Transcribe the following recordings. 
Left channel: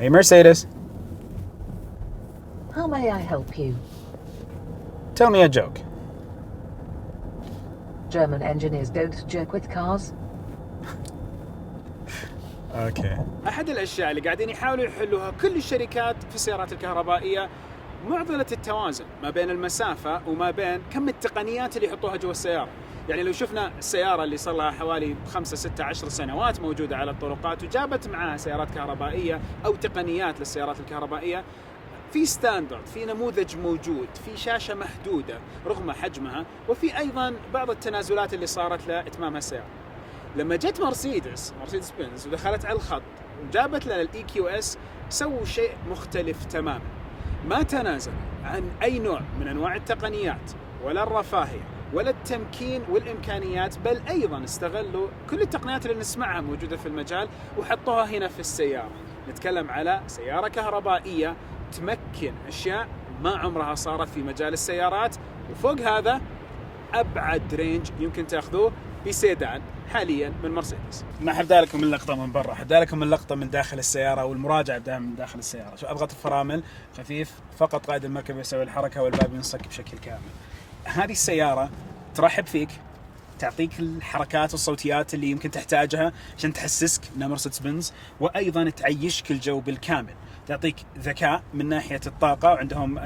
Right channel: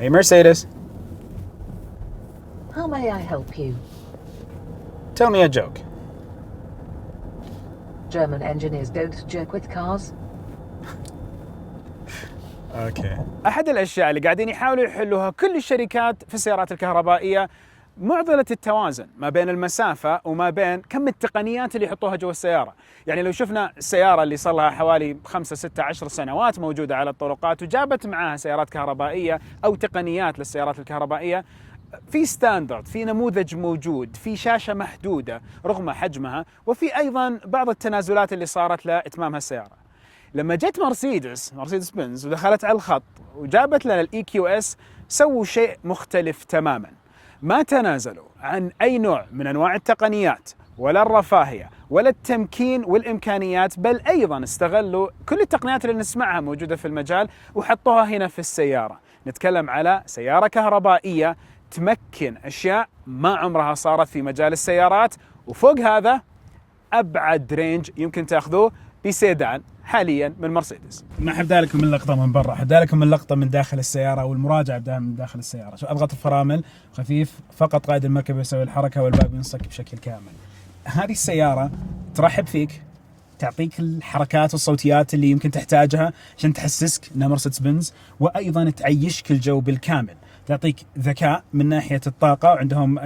Hey Mercedes, How may I help you? tell me a joke. German engineers don't joke with cars. اوكي. احد الاشياء اللي قاعدين يحاولوا يحلوها كل الشركات في السيارات الكهربائيه معضله التوازن ما بين المسافه وما بين كم التقنيات اللي يحطوها جوا السياره. يعني لو شفنا السياره اللي صار لها حوالي 5 6 10 سنوات موجوده على الطرقات وجابت معاها سيارات كهربائيه او تقنيات للسيارات الكهربائيه، في ستاندرد، في نموذج موجود، في شاشه محدوده رغم حجمها، وفي ايضا بعض التنازلات اللي صارت لاتمام هالسياره. لما جت مرسيدس بنز ودخلت على الخط وجابت لنا الاي كيو اس، سووا شيء مختلف تماما. ما تنازلوا عن اي نوع من انواع التقنيات ولا الرفاهيه ولا التمكين والامكانيات، بل ايضا استغلوا كل التقنيات اللي نسمعها موجوده في المجال وحطوها هنا في السياره. نتكلم على سياره كهربائيه تمكن اشياء ما عمرها صارت في مجال السيارات، وفوق هذا ابعد رينج يمكن تاخذوه بسيدان حاليا من مرسيدس. ما حبدا لكم اللقطه من برا، حبدا لكم اللقطه من داخل السياره والمراجعه بدها من داخل السياره. شو اضغط الفرامل خفيف، فقط قائد المركبه يسوي الحركه والباب ينصك بشكل كامل. هذه السياره ترحب فيك، تعطيك الحركات والصوتيات اللي يمكن تحتاجها عشان تحسسك انها مرسيدس بنز، وايضا تعيشك الجو بالكامل. تعطيك ذكاء من ناحيه الطاقه، وعندهم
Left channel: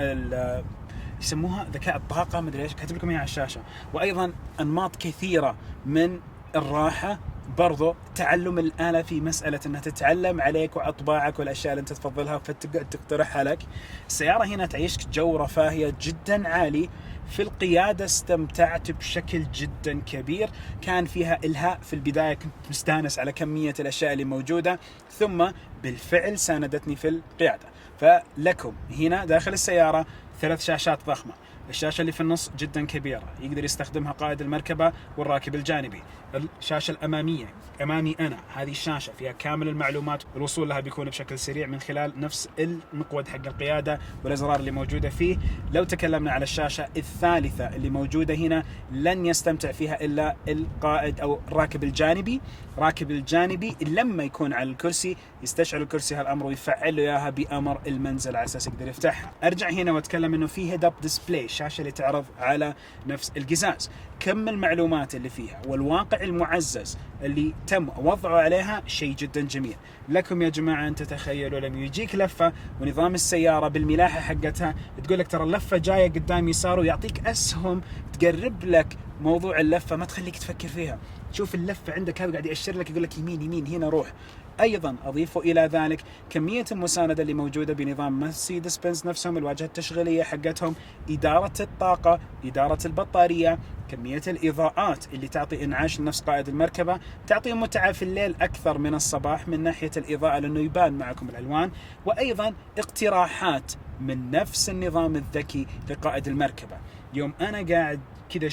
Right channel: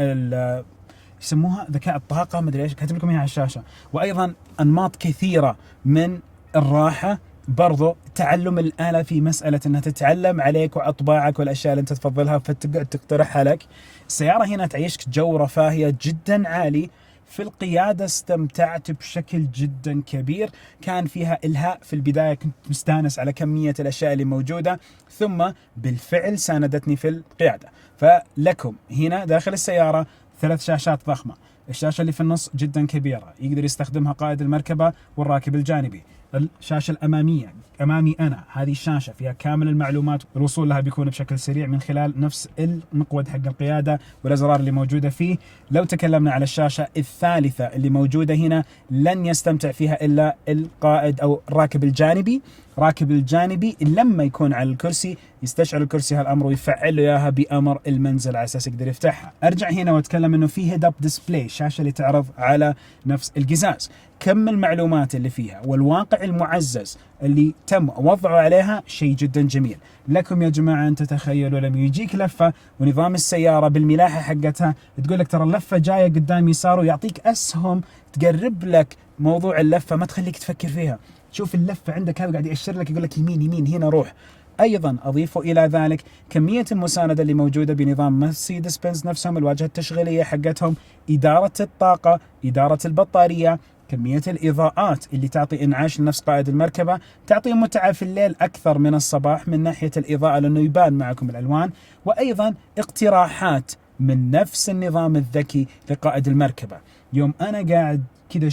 يسموها ذكاء الطاقه، ما ادري ايش كاتب لكم اياها على الشاشه، وايضا انماط كثيره من الراحه. برضو تعلم الآلة في مسألة أنها تتعلم عليك وأطباعك والأشياء اللي أنت تفضلها فتقعد تقترحها لك. السيارة هنا تعيشك جو رفاهية جدا عالي. في القيادة استمتعت بشكل جدا كبير، كان فيها إلهاء في البداية، كنت مستانس على كمية الأشياء اللي موجودة، ثم بالفعل ساندتني في القيادة. فلكم هنا داخل السيارة 3 شاشات ضخمة. الشاشة اللي في النص جدا كبيرة، يقدر يستخدمها قائد المركبة والراكب الجانبي. الشاشة الأمامية أمامي أنا، هذه الشاشة فيها كامل المعلومات، الوصول لها بيكون بشكل سريع من خلال نفس المقود حق القيادة والأزرار اللي موجودة فيه. لو تكلمنا على الشاشة الثالثة اللي موجودة هنا، لن يستمتع فيها إلا القائد أو الراكب الجانبي. راكب الجانبي لما يكون على الكرسي يستشعر الكرسي هالأمر ويفعل له إياها بأمر المنزل على أساس يقدر يفتحها. أرجع هنا وأتكلم إنه فيه هيد أب ديسبلاي، الشاشة اللي تعرض على نفس القزاز. كم المعلومات اللي فيها والواقع المعزز اللي تم وضعه عليها شيء جدا جميل. لكم يا جماعة أن تتخيلوا لما يجيك لفة ونظام السيارة بالملاحة حقتها تقول لك ترى اللفة جاية قدام يسار، ويعطيك أسهم تقرب لك موضوع اللفة، ما تخليك تفكر فيها. شوف اللفة عندك هذا قاعد يأشر لك، يقول لك يمين يمين هنا روح. أيضا أضيفوا إلى ذلك كمية المساندة اللي موجودة بنظام مرسيدس بنز نفسهم، الواجهة التشغيلية حقتهم، إدارة الطاقة، إدارة البطارية، كمية الإضاءات اللي تعطي إنعاش لنفس قائد المركبة، تعطي متعة في الليل أكثر من الصباح من ناحية الإضاءة لأنه يبان معكم الألوان، وأيضا اقتراحات من نفس النظام الذكي لقائد المركبة. يوم أنا قاعد كده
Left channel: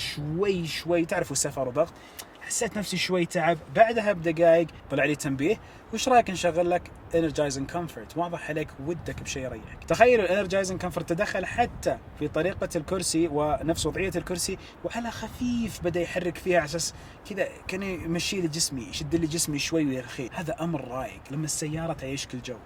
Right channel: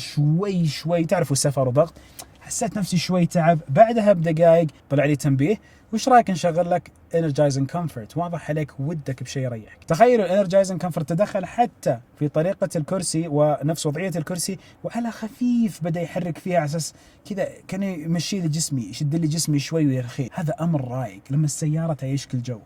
شوي تعرفوا سفر وضغط، حسيت نفسي شوي تعب، بعدها بدقائق طلع لي تنبيه، وش رايك نشغل لك Energizing Comfort؟ واضح عليك ودك بشيء يريحك. تخيلوا Energizing Comfort تدخل حتى في طريقة الكرسي ونفس وضعية الكرسي، وعلى خفيف بدأ يحرك فيها على أساس كذا كان يمشي لي جسمي، يشد لي جسمي شوي ويرخي. هذا أمر رايق لما السيارة تعيشك الجو.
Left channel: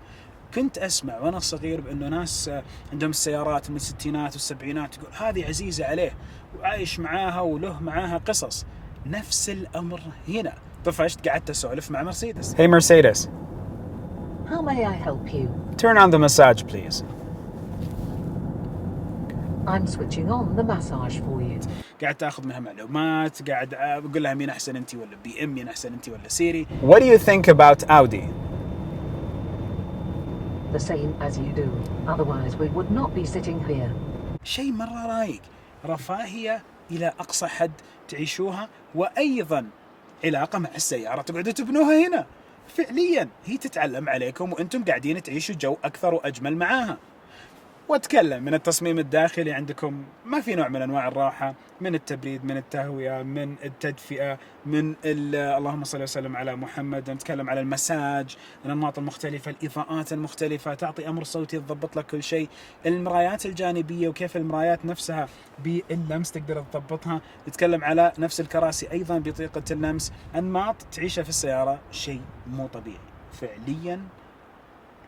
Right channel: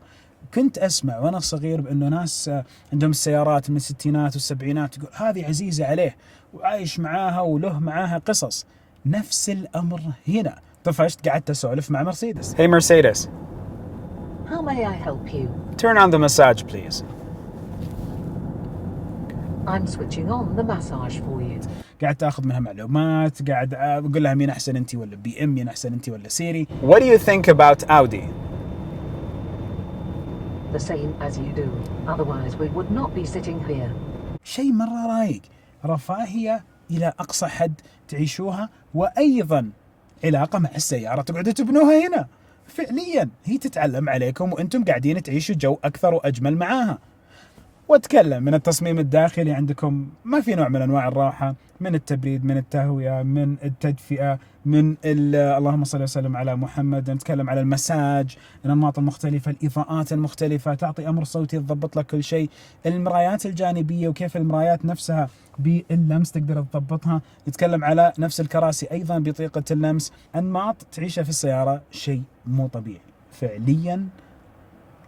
كنت أسمع وأنا صغير بأنه ناس عندهم السيارات من الستينات والسبعينات تقول هذه عزيزة عليه وعايش معاها وله معاها قصص. نفس الأمر هنا. طفشت قعدت أسولف مع مرسيدس. Hey Mercedes, How may I help you? turn on the massage please. I'm switching on the massage for you. قاعد تاخذ منها معلومات، قاعد أقول لها مين أحسن أنت ولا بي إم، مين أحسن أنت ولا سيري. What do you think about Audi? The same as you do. Otherwise we would not be sitting here. شيء مرة رايق، رفاهية إلى أقصى حد تعيشوها، وأيضا علاقة مع السيارة تقعدوا تبنوها هنا. فعليا هي تتعلم عليكم وأنتم قاعدين تعيشوا جو أكثر وأجمل معاها. واتكلم من التصميم الداخلي، عندكم ما في نوع من انواع الراحه، من التبريد، من التهويه، من التدفئه، من اللهم صل وسلم على محمد. نتكلم على المساج، الانماط المختلفه، الاضاءات المختلفه، تعطي امر صوتي تضبط لك كل شيء، المرايات الجانبيه وكيف المرايات نفسها باللمس تقدر تضبطها. نتكلم على نفس الكراسي ايضا بطريقه اللمس. انماط تعيشها في السياره شيء مو طبيعي فعليا.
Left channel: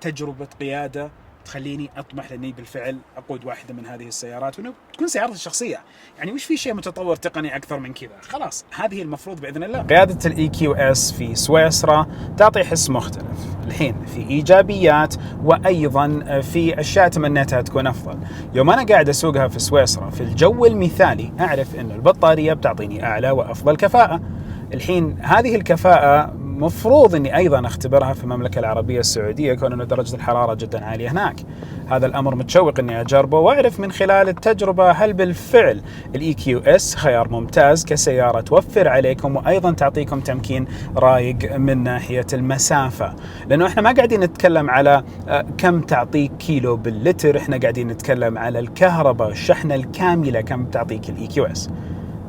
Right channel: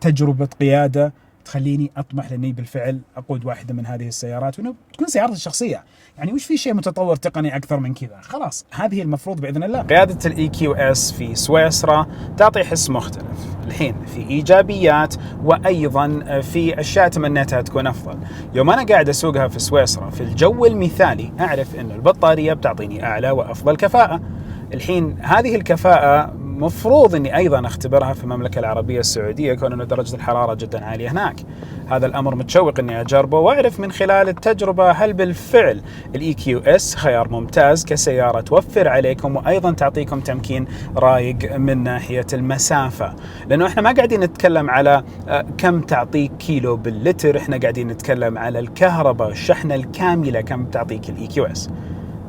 تجربة قيادة تخليني أطمح لأني بالفعل أقود واحدة من هذه السيارات، وأنه تكون سيارتي الشخصية. يعني وش في شيء متطور تقني أكثر من كذا؟ خلاص هذه المفروض بإذن الله. قيادة الEQS في سويسرا تعطي حس مختلف. الحين في إيجابيات وأيضا في أشياء تمنيتها تكون أفضل. يوم أنا قاعد أسوقها في سويسرا في الجو المثالي أعرف أن البطارية بتعطيني أعلى وأفضل كفاءة. الحين هذه الكفاءة مفروض أني أيضا أختبرها في المملكة العربية السعودية، كون أن درجة الحرارة جدا عالية هناك. هذا الأمر متشوق أني أجربه وأعرف من خلال التجربة هل بالفعل الEQS خيار ممتاز كسيارة توفر عليكم وأيضا تعطيكم تمكين رايق من ناحية المسافة. لأنه إحنا ما قاعدين نتكلم على كم تعطيك كيلو باللتر، إحنا قاعدين نتكلم على الكهرباء الشحنة الكاملة كم تعطيك الEQS.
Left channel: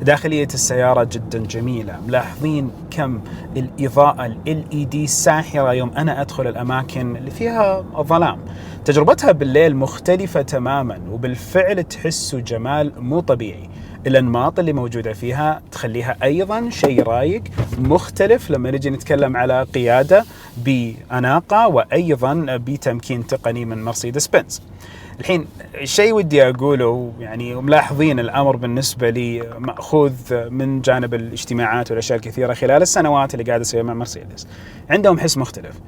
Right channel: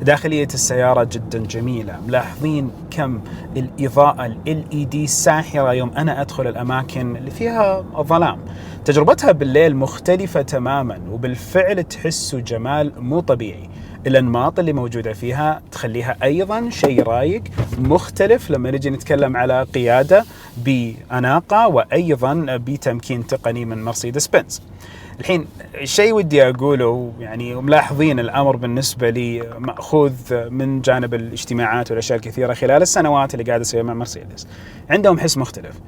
داخلية السيارة جدا جميلة، ملاحظين كم الإضاءة LED ساحرة يوم أنا أدخل الأماكن اللي فيها ظلام. تجربتها بالليل مختلفة تماما، وبالفعل تحسوا جمال مو طبيعي. الأنماط اللي موجودة فيها تخليها أيضا شيء رايق مختلف لما نجي نتكلم على قيادة بأناقة وأيضا بتمكين تقني من مرسيدس بنز. الحين الشيء ودي أقوله، يعني ملاحظين الأمر بالنسبة لي مأخوذ من جانب الاجتماعات والأشياء الكثيرة خلال السنوات اللي قاعد أسويها مع مرسيدس. عندهم حس مختلف،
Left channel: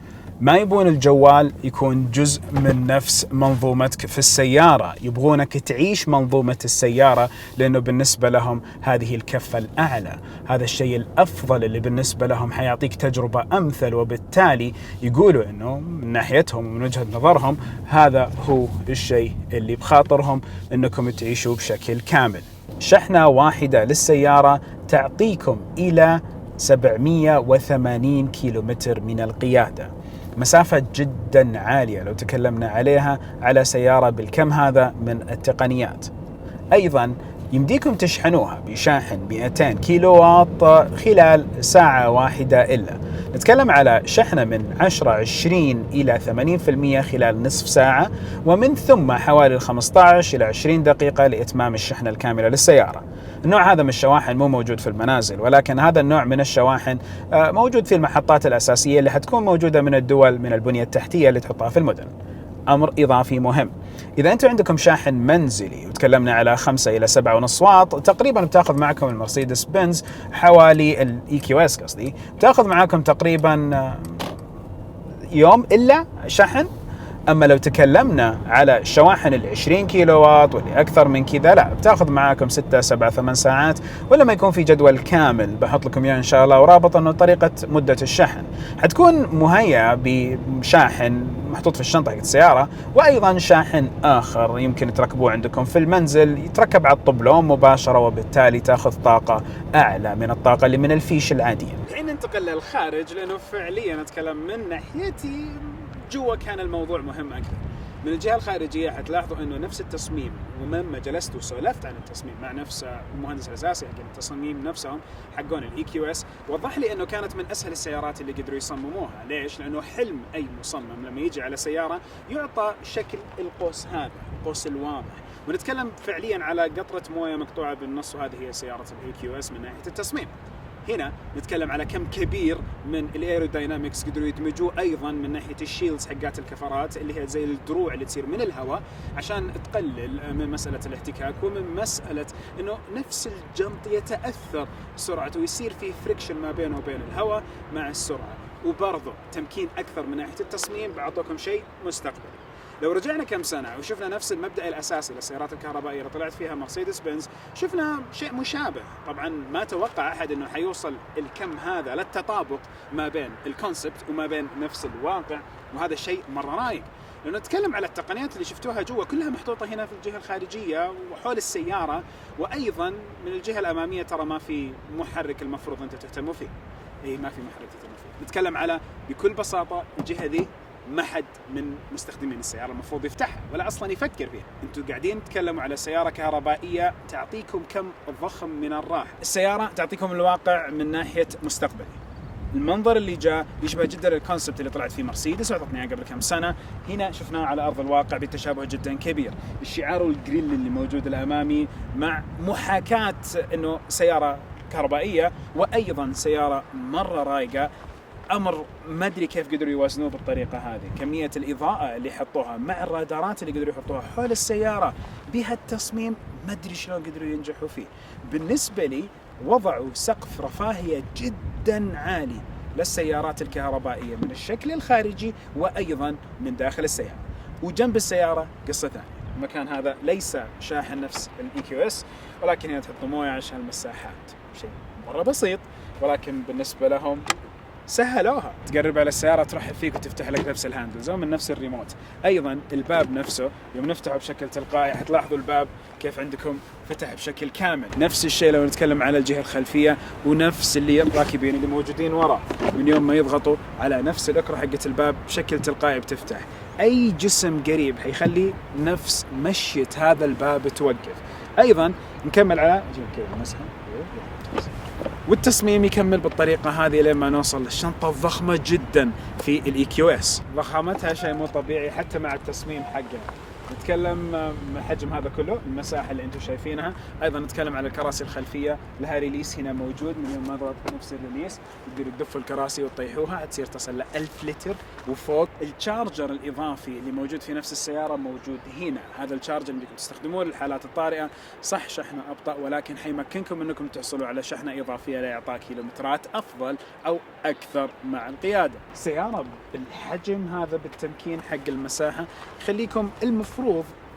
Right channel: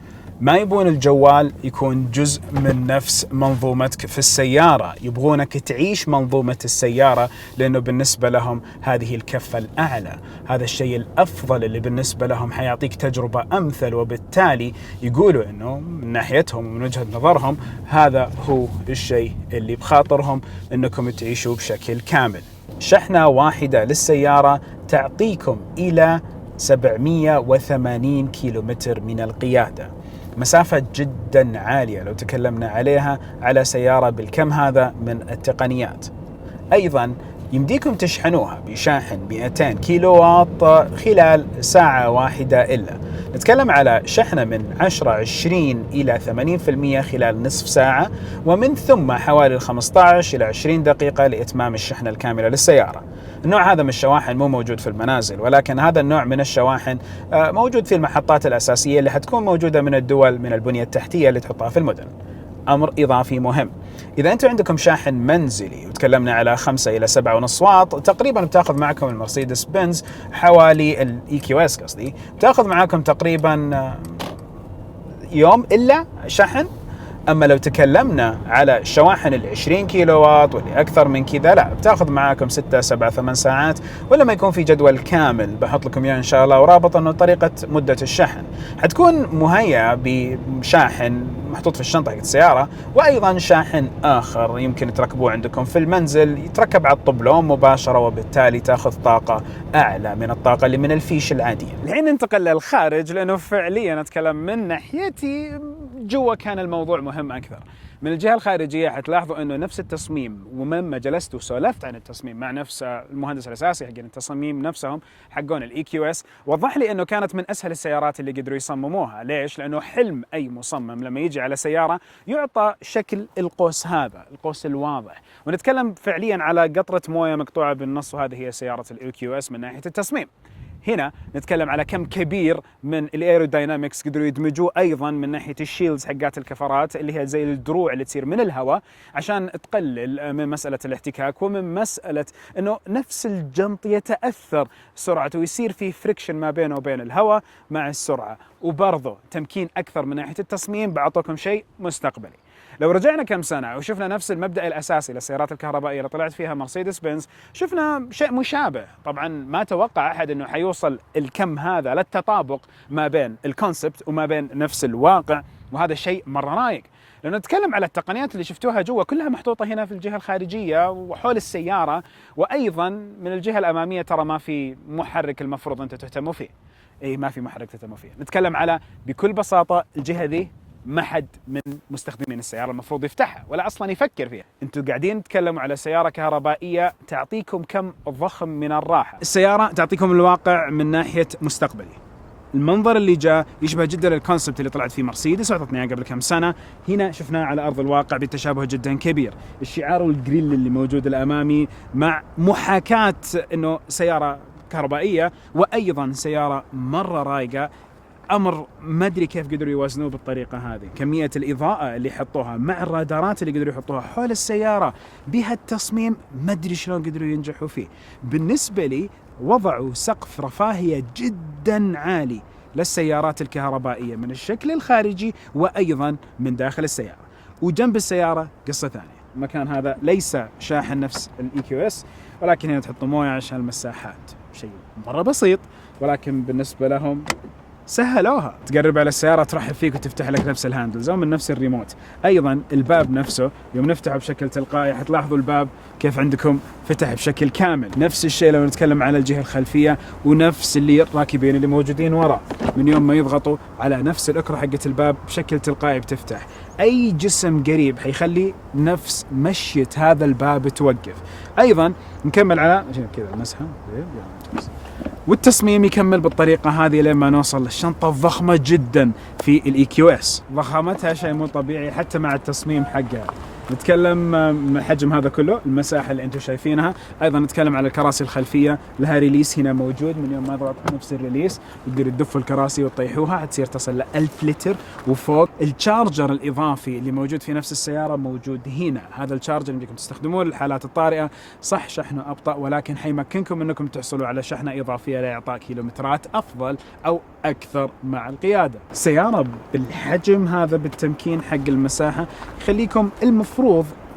ما يبون الجوال يكون جزء من نفس منظومتك في السيارة، يبغونك تعيش منظومة السيارة، لأنه بالنسبة لهم هذه الكفة الأعلى، هذا الشيء الأفضل اللي بالنسبة لهم حيعطيك تجربة أمثل. وبالتالي يقولوا أنه من ناحيتهم ومن وجهة نظرهم هذا هو الشيء اللي بخاطرهم أنكم تعيشوا بشكل كامل. شحنة واحدة للسيارة تعطيكم إلى 780 كيلومتر من القيادة، مسافة جدا عالية لو تكلمنا عليها على سيارة بالكم هذا من التقنيات. أيضا يمديكم تشحنوها بشاحن 200 كيلو واط خلال ساعة واحدة إلا. نتكلم على شحنة من 10-20 إلى 80% خلال نصف ساعة، ومن ثم حوالي 15 إلى 20 دقيقة لإتمام الشحنة الكاملة للسيارة. النوع هذا من الشواحن مو موجود في المنازل، ولكن هذا النوع من الشواحن موجود في المحطات الأساسية اللي حتكون موجودة من الدول من البنية التحتية اللي تحطها في المدن. أمر إضافي مهم، إذا أنتم عندكم شاحن منزلي وتكلمنا على 5 إلى 7.5 واط، تقريبا بتاخذ معكم المرسيدس بنز حوالي الEQS قصدي بتاخذ معكم تقريبا يوم إلا شحن. أما لو تكلمنا على الشواحن 20 كيلو واط واللي أكثر من كذا، لا بتاخذ معاكم 6 7 8 ساعات، ولما يكون في جدول كامل بحط لكم إياه إن شاء الله ورابط إنه طريقة مدة الشحن حتكون مهيئة بشاحن محطوط في الشنطة حق السيارة، وأيضا شاحن آخر يمكن تركبوه عندكم في المنزل يتركب على الطبلون مباشرة، وبالتالي تأخذ طاقة أعلى من الطاقة اللي من الفيش العادية. الحين ننتقل للخارج، لأنه فعليا أتكلم من ناحيتي جوا كان الموضوع مهم أكثر. من الجهة الخارجية حتلاحظوا أنه نفس التصميم، ومما جلست وسولفت عن التصميم مع نفس المهندس الأساسي حق التصميم نفسهم حقون الEQS، وضح لي أنه كانت من أسهل السيارات اللي قدروا يصمموها. ليش؟ لأنه حلم أي مصمم لما يجي على سيارة يعطى شكل القوس هذا، القوس الواضح، ونتكلم فعليا على قطرة موية مقطوعة بالنص، وهذه هي سيارة الEQS من ناحية التصميم. هنا نتكلم على كم كبير من الايروداينامكس قدروا يدمجوه ايضا من ناحيه الشيلدز حقات الكفرات اللي هي زي الدروع اللي تصير من الهواء عشان تقلل من مساله الاحتكاك، ومن مساله انه نفس الجنط يتاثر سرعته ويصير في فريكشن ما بينه وبين الهواء مع السرعه. وبرضه تمكين اكثر من ناحيه التصميم، بعطوكم شيء مستقبلي. لو رجعنا كم سنة وشفنا نفس المبدأ الأساسي للسيارات الكهربائية اللي طلعت فيها مرسيدس بنز، شفنا شيء مشابه. طبعا ما توقع أحد أنه حيوصل الكم هذا للتطابق ما بين الكونسبت وما بين نفس الواقع، وهذا الشيء مرة رايق. لأنه نتكلم على التقنيات اللي شفتوها جوا كلها محطوطة هنا في الجهة الخارجية وحول السيارة، وأيضا من الجهة الأمامية ترى ما في محرك المفروض أنت تهتموا فيه. إيه، ما في محرك تهتموا فيه. نتكلم على بكل بساطة الجهة ذي ما حد من مستخدمين السيارة المفروض يفتحها ولا أصلا يفكر فيها. أنتوا قاعدين تتكلموا على سيارة كهربائية تعطيكم كم ضخم من الراحة. السيارة تعطيكم الواقع من ناحية مستقبلي. المنظر اللي جاء يشبه جدا الكونسبت اللي طلعت فيه مرسيدس وعطتنا اياه قبل كم سنة، هنا شفناه على أرض الواقع بتشابه جدا كبير. الشعار والجريل اللي موجود الأمامي مع محاكاة أنه سيارة كهربائية وأيضا سيارة مرة رايقة. امر ما ادري كيف قدروا يوازنوه بالطريقه هذه. كميه الاضاءه اللي حطوها مع الرادارات اللي قدروا يحطوها حول السياره بهالتصميم ما ادري شلون قدروا ينجحوا فيه. بالنسبه لي وضعوا سقف رفاهيه جدا عالي للسيارات الكهربائيه من الشكل الخارجي وايضا من داخل السياره. وجنب السياره قصه ثانيه، المكان هذا ليس شاحن نفس الاي كيو اس، ولكن هنا تحطوا مويه عشان المساحات، شيء مره بسيط ولكن بالنسبه لهم سهلوها. تقرب على السيارة ترحب فيك وتفتح لك نفس الهاندلز أو من نفس الريموت. أيضا الباب نفسه يوم نفتحه بشكل تلقائي حتلاحظوا الباب كيف عندكم فتح بشكل كامل. نفس الشيء لو نتكلم على الجهة الخلفية، ونفس اللي الراكبين اللي موجودين وراء من يوم ما يضغطوا على نفس الأكرة حقة الباب بشكل تلقائي بتفتح. أي جسم قريب حيخلي نفس مشية هذا الباب توقف. أيضا نكمل على كذا مسحة والتصميم يكمل بالطريقة هذه لما نوصل للشنطة الضخمة جدا في الاي كيو اس. ضخامتها شيء مو طبيعي حتى مع التصميم حقها. نتكلم حجم هذا كله، المساحة اللي انتم شايفينها. ايضا نتكلم على الكراسي الخلفية، لها ريليس هنا موجود من يوم ما ضغط نفس الريليس تقدروا تدفوا الكراسي وتطيحوها حتصير تصل ل 1000 لتر وفوق. الشارجر الاضافي اللي موجود في نفس السيارة موجود هنا، هذا الشارجر اللي بدكم تستخدموه للحالات الطارئة. صح شحنه ابطأ ولكن حيمكنكم انكم تحصلوا على شحنة اضافية لإعطاء كيلومترات افضل او اكثر مع القيادة. سيارة بالحجم هذا بالتمكين حق المساحة يخليكم المفروض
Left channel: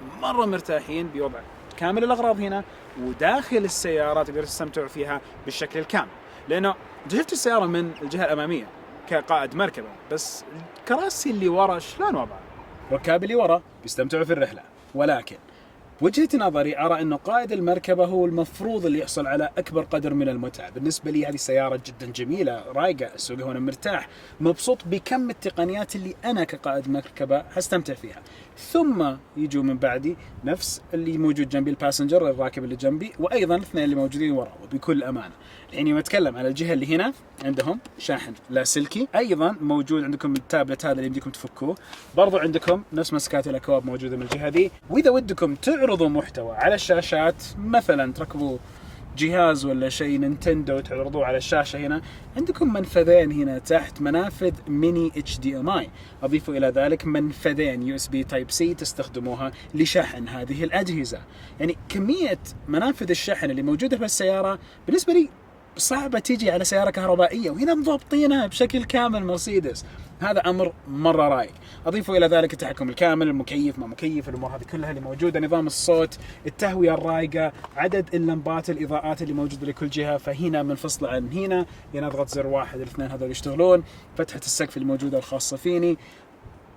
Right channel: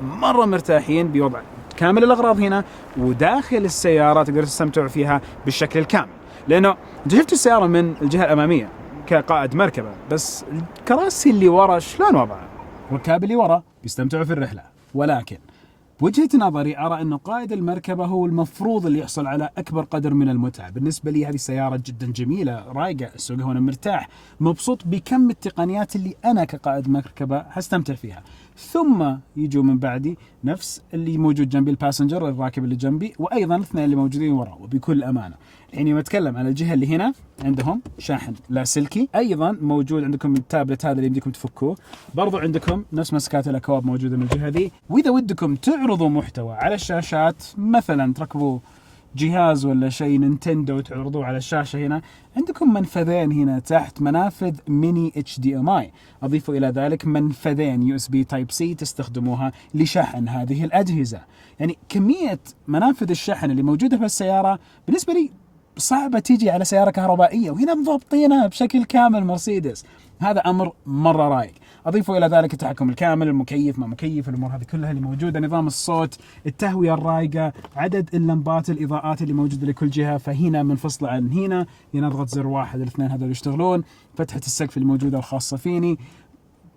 مرة مرتاحين بوضع كامل الأغراض هنا، وداخل السيارة تقدروا تستمتعوا فيها بالشكل الكامل. لأنه أنت شفت السيارة من الجهة الأمامية كقائد مركبة، بس الكراسي اللي ورا شلون وضعها؟ الركاب اللي ورا بيستمتعوا في الرحلة، ولكن بوجهة نظري أرى أنه قائد المركبة هو المفروض اللي يحصل على أكبر قدر من المتعة. بالنسبة لي هذه السيارة جدا جميلة رايقة، أسوقها وأنا مرتاح مبسوط بكم التقنيات اللي أنا كقائد مركبة هستمتع فيها. ثم يجوا من بعدي نفس اللي موجود جنبي الباسنجر الراكب اللي جنبي، وأيضا الاثنين اللي موجودين وراه. وبكل أمانة الحين يوم أتكلم على الجهة اللي هنا عندهم شاحن لاسلكي، أيضا موجود عندكم التابلت هذا اللي يمديكم تفكوه، برضو عندكم نفس مسكات الأكواب موجودة من الجهة ذي. وإذا ودكم تعرضوا محتوى على الشاشات، مثلا تركبوا جهاز ولا شيء نينتندو وتعرضوه على الشاشة، هنا عندكم منفذين هنا تحت، منافذ ميني HDMI. أضيفوا إلى ذلك منفذين USB Type C تستخدموها لشحن هذه الأجهزة. يعني كمية منافذ الشحن اللي موجودة في السيارة بالنسبة لي صعبة تيجي على سيارة كهربائية، وهنا مضبطينها بشكل كامل مرسيدس. هذا أمر مرة رايق. أضيفوا إلى ذلك التحكم الكامل، المكيف ما مكيف، الأمور هذه كلها اللي موجودة، نظام الصوت، التهوية الرايقة، عدد اللمبات الإضاءات اللي موجودة لكل جهة. فهنا منفصلة عن هنا أضغط زر واحد الاثنين هذول يشتغلون. فتحة السقف اللي موجودة الخاصة فيني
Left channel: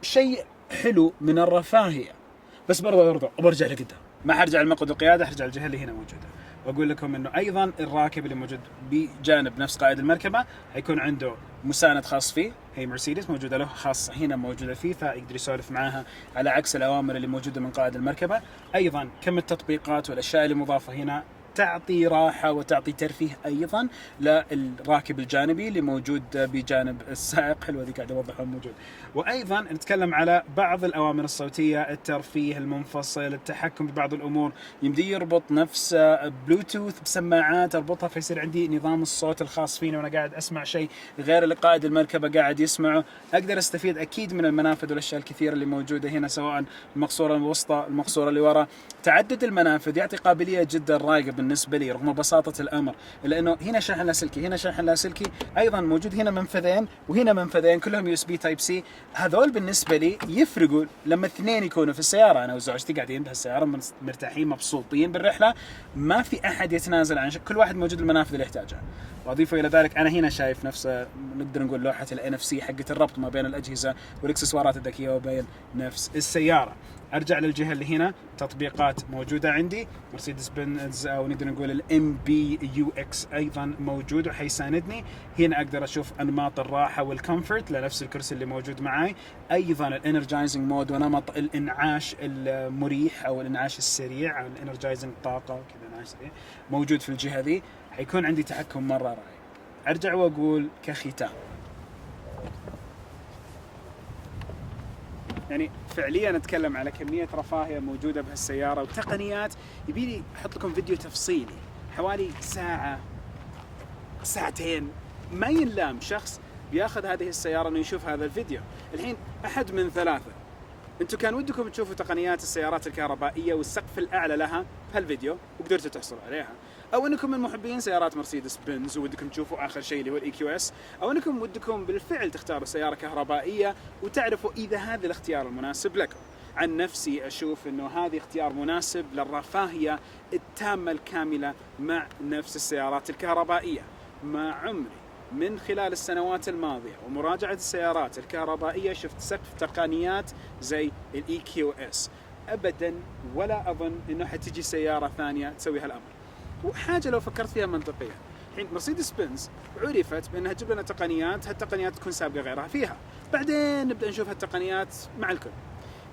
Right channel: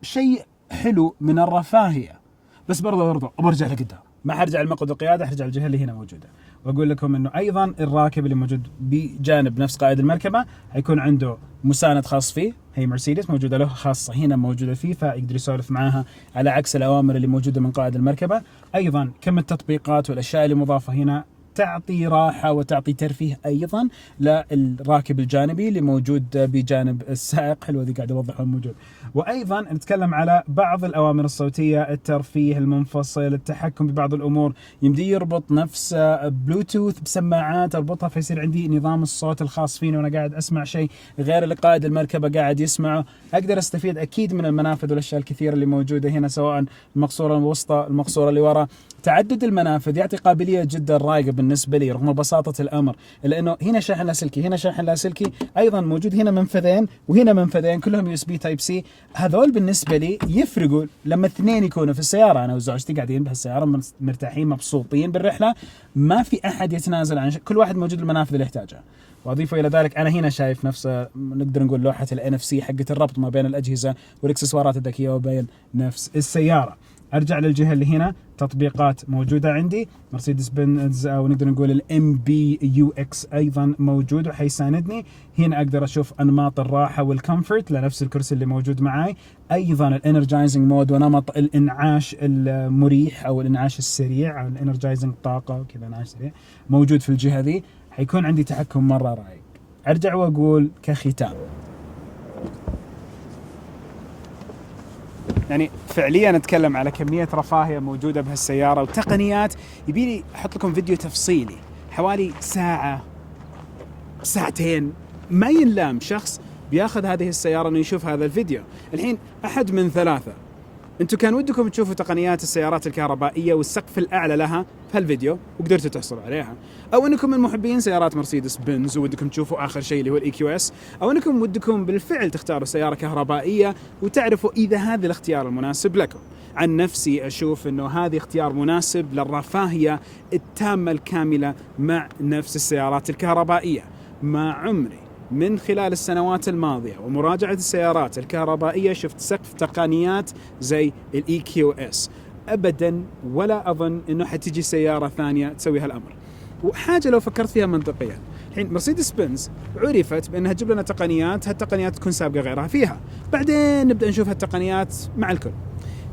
شيء حلو من الرفاهية. بس برضه برجع لقدام، ما حرجع المقعد القيادة، حرجع الجهة اللي هنا موجودة. واقول لكم انه ايضا الراكب اللي موجود بجانب نفس قائد المركبه حيكون عنده مساند خاص فيه، هي مرسيدس موجوده له خاصه هنا موجوده فيه، فيقدر يسولف معاها على عكس الاوامر اللي موجوده من قائد المركبه. ايضا كم التطبيقات والاشياء اللي مضافه هنا تعطي راحة وتعطي ترفيه أيضا للراكب الجانبي اللي موجود بجانب السائق. حلوة ذي قاعد أوضحها موجود. وأيضا نتكلم على بعض الأوامر الصوتية، الترفيه المنفصل، التحكم ببعض الأمور. يمدي يربط نفس بلوتوث بسماعات أربطها فيصير عندي نظام الصوت الخاص فيني وأنا قاعد أسمع شيء غير اللي قائد المركبة قاعد يسمعه. أقدر أستفيد أكيد من المنافذ والأشياء الكثيرة اللي موجودة هنا، سواء المقصورة الوسطى المقصورة اللي وراء. تعدد المنافذ يعطي قابلية جدا رايقة بالنسبة لي رغم بساطة الأمر، لأنه هنا شاحن لاسلكي، هنا شاحن لاسلكي، أيضا موجود هنا منفذين وهنا منفذين كلهم USB Type C. هذول بالنسبة لي يفرقوا لما اثنين يكونوا في السيارة. أنا وزوجتي قاعدين بهالسيارة مرتاحين مبسوطين بالرحلة، ما في أحد يتنازل عن شيء، كل واحد موجود المنافذ اللي يحتاجها. وأضيفه إلى ذلك أنا هنا شايف نفس نقدر نقول لوحة ال NFC حقة الربط ما بين الأجهزة والإكسسوارات الذكية وبين نفس السيارة. أرجع للجهة اللي هنا، تطبيقات موجودة عندي، مرسيدس بنز أو نقدر نقول ال MBUX أيضا موجود وحيساندني. هنا أقدر أشوف أنماط الراحة والكمفورت لنفس الكرسي اللي موجود معاي. أيضا الانرجايزنج مود ونمط الإنعاش المريح أو الإنعاش السريع أو الانرجايزنج طاقة كذا إنعاش سريع موجود في الجهة ذي. حيكون عندي تحكم مرة رايق. أرجع وأقول كختام، يعني فعليا نتكلم على كمية رفاهية موجودة بهالسيارة وتقنيات. يبيلي أحط لكم فيديو تفصيلي حوالي ساعة ساعتين ما ينلام شخص بياخذ هذه السيارة إنه يشوف هذا الفيديو. الحين أحد من ثلاثة، أنتم كان ودكم تشوفوا تقنيات السيارات الكهربائية والسقف الأعلى لها في هالفيديو وقدرتوا تحصلوا عليها، أو أنكم من محبين سيارات مرسيدس بنز وودكم تشوفوا آخر شيء اللي هو الإي كيو إس، أو أنكم ودكم بالفعل تختاروا سيارة كهربائية وتعرفوا إذا هذا الاختيار المناسب لكم. عن نفسي أشوف أنه هذا اختيار مناسب للرفاهية التامة الكاملة مع نفس السيارات الكهربائية. ما عمري من خلال السنوات الماضية ومراجعة السيارات الكهربائية شفت سقف تقنيات زي الإي كيو إس أبدا، ولا أظن أنه حتجي سيارة ثانية تسوي هالأمر. وحاجة لو فكرت فيها منطقيا، الحين مرسيدس بنز عرفت بأنها تجيب لنا تقنيات، هالتقنيات تكون سابقة غيرها فيها، بعدين نبدأ نشوف هالتقنيات مع الكل.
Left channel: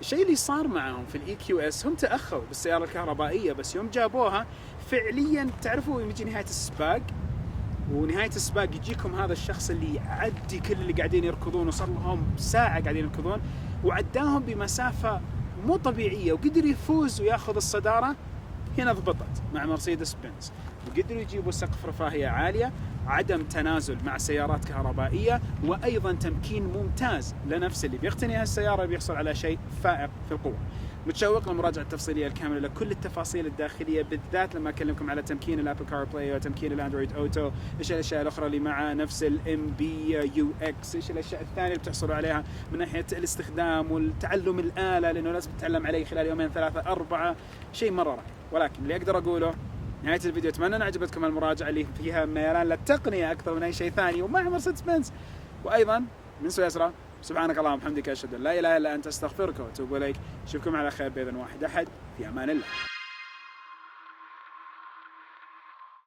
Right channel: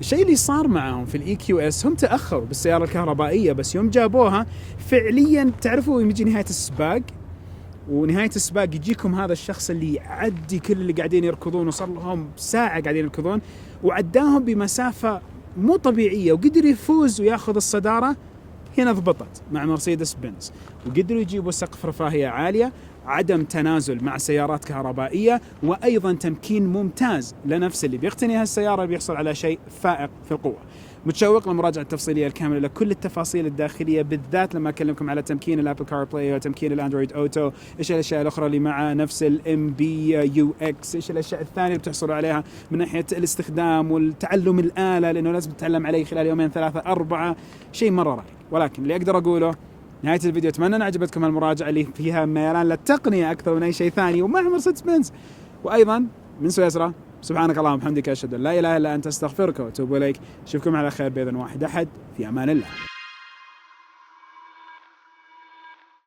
الشيء اللي صار معهم في الإي كيو إس، هم تأخروا بالسيارة الكهربائية، بس يوم جابوها فعليا تعرفوا يوم يجي نهاية السباق، ونهاية السباق يجيكم هذا الشخص اللي يعدي كل اللي قاعدين يركضون، وصار لهم ساعة قاعدين يركضون وعداهم بمسافة مو طبيعية وقدر يفوز وياخذ الصدارة. هنا ضبطت مع مرسيدس بنز وقدروا يجيبوا سقف رفاهية عالية، عدم تنازل مع سيارات كهربائية، وأيضا تمكين ممتاز لنفس اللي بيقتني هالسيارة بيحصل على شيء فائق في القوة. متشوق للمراجعة التفصيلية الكاملة لكل التفاصيل الداخلية، بالذات لما أكلمكم على تمكين الأبل كار بلاي وتمكين الأندرويد أوتو، إيش الأشياء الأخرى اللي مع نفس الام بي يو اكس، إيش الأشياء الثانية اللي بتحصلوا عليها من ناحية الاستخدام والتعلم الآلة، لأنه لازم تتعلم عليه خلال يومين ثلاثة أربعة، شيء مرة رائع. ولكن اللي أقدر أقوله نهاية الفيديو، أتمنى أن عجبتكم المراجعة اللي فيها ميلان للتقنية أكثر من أي شيء ثاني ومع مرسيدس بنز. وأيضا من سويسرا، سبحانك اللهم وبحمدك أشهد أن لا إله إلا أنت أستغفرك وأتوب إليك. أشوفكم على خير بإذن واحد أحد، في أمان الله.